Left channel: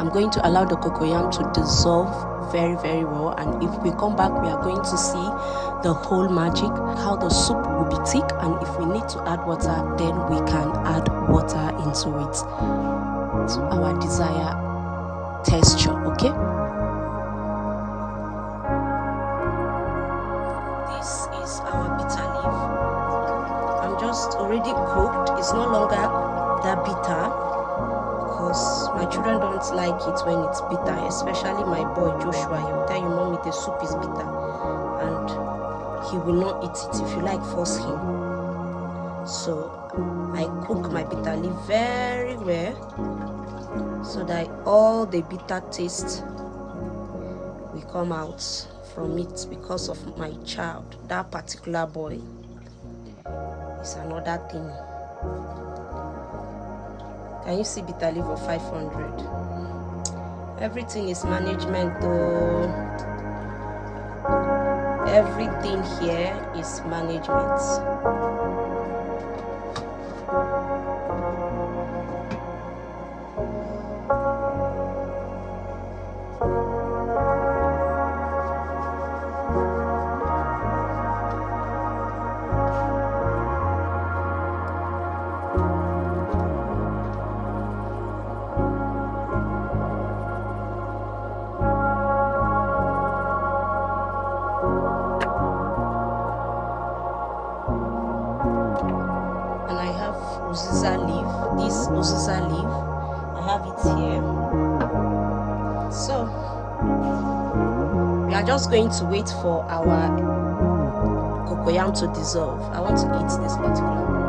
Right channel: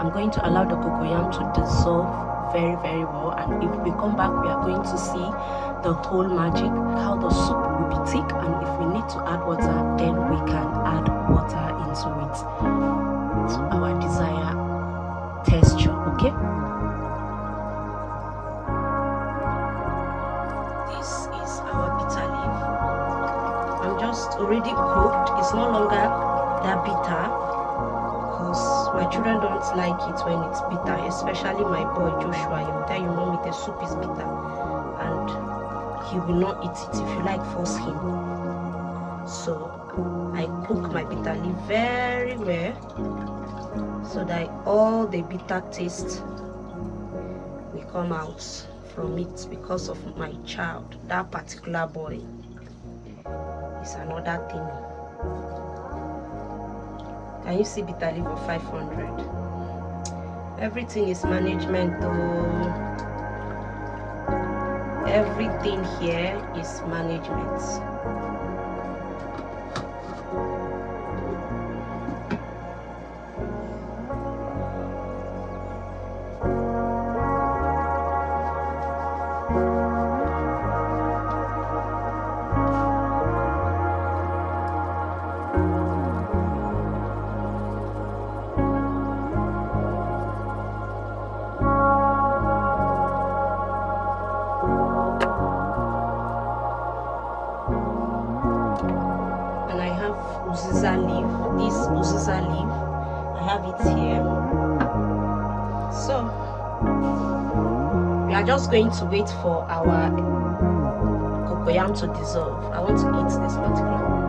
I'm going to allow the cocoyam to dissolve very, very well, and if we come back, we are going to see the whole magic, how the soup will be thick, and if we need to add water, then we can add water into it to our desired texture. Okay, this is our bitter leaf. I'm just already cooked. It's no longer that bitter because my children don't like it when it's bitter, especially my boy Joshua. He will tell you, mommy, the soup is bitter, and he will not eat it if you like force him. So I cook my bitter leaf very well so that all the bitter taste will come out from it because of my child. That particular boy is another thing. Can you see bitter leaf of 500? Everything is management though. Everything here is management. Uziza leaf, this uziza leaf, I have it here. So we are just going to wait for our cocoyam to dissolve. I want to eat this particular one.